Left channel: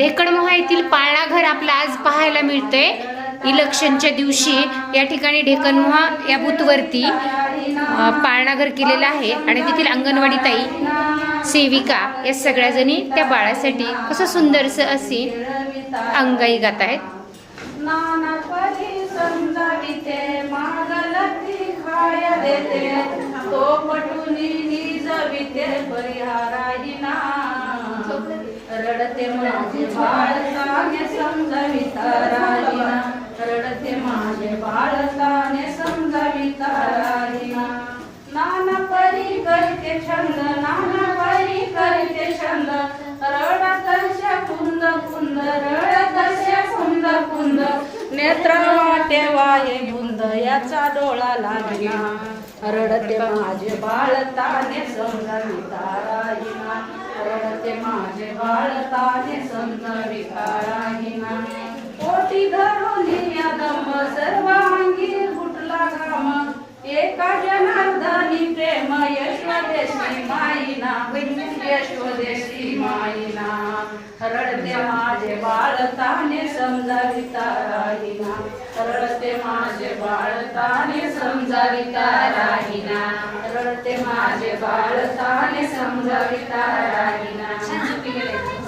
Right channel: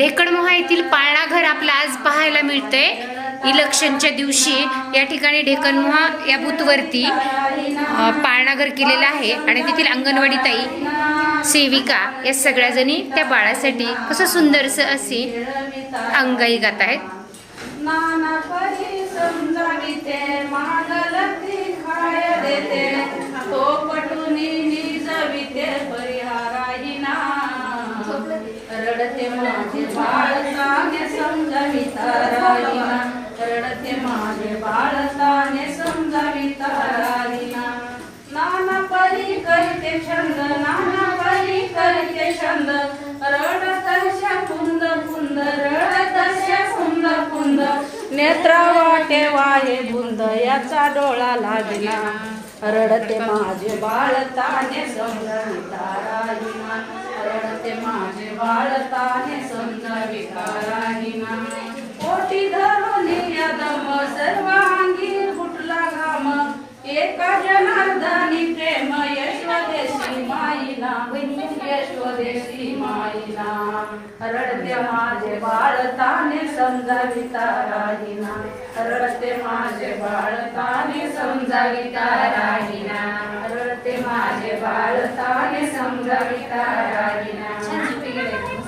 ढेकणमोहा येथील पाळणा घर आपलं आज पाहायला मिळतंय. इलेक्शनच्या दिवशी या ठिकाणी ढेकणमोहा या बूथवरती पाळणाघर केलेलं आहे. आणि तेथील अंगणवाडी ताई सेविका या सगळ्याजणी त्या बाळासाठी कसं सुंदरसं अशी अंगाई गात आहेत. तो रडते माझे बाळ ताने समजाविता राहिना. रडते माझे बाळ ताने समजाविता राहिना. नाना परी करते छंद नाना परी करते छंद. रडत अशा कुंद कुंद रडत अशा कुंद कुंद. नेत्र वाटे वाये बुंद याचा डोळा लागला रडते माझे बाळ ताने समजविता राहिना. रडते माझे बाळताने संत विकाराही नाही पोटी धरून दम सर्वांगी फुटला घाम. एका जनार्दनी प्रेम यशोदेशी माईना. यशोदेशी माईना. रडते माझे बाळताने समजा समजाविता राहिना रडते माझे बाळताने समजा समजाविता राहिना रडते माझे बाळता ताने समजाविता राहिना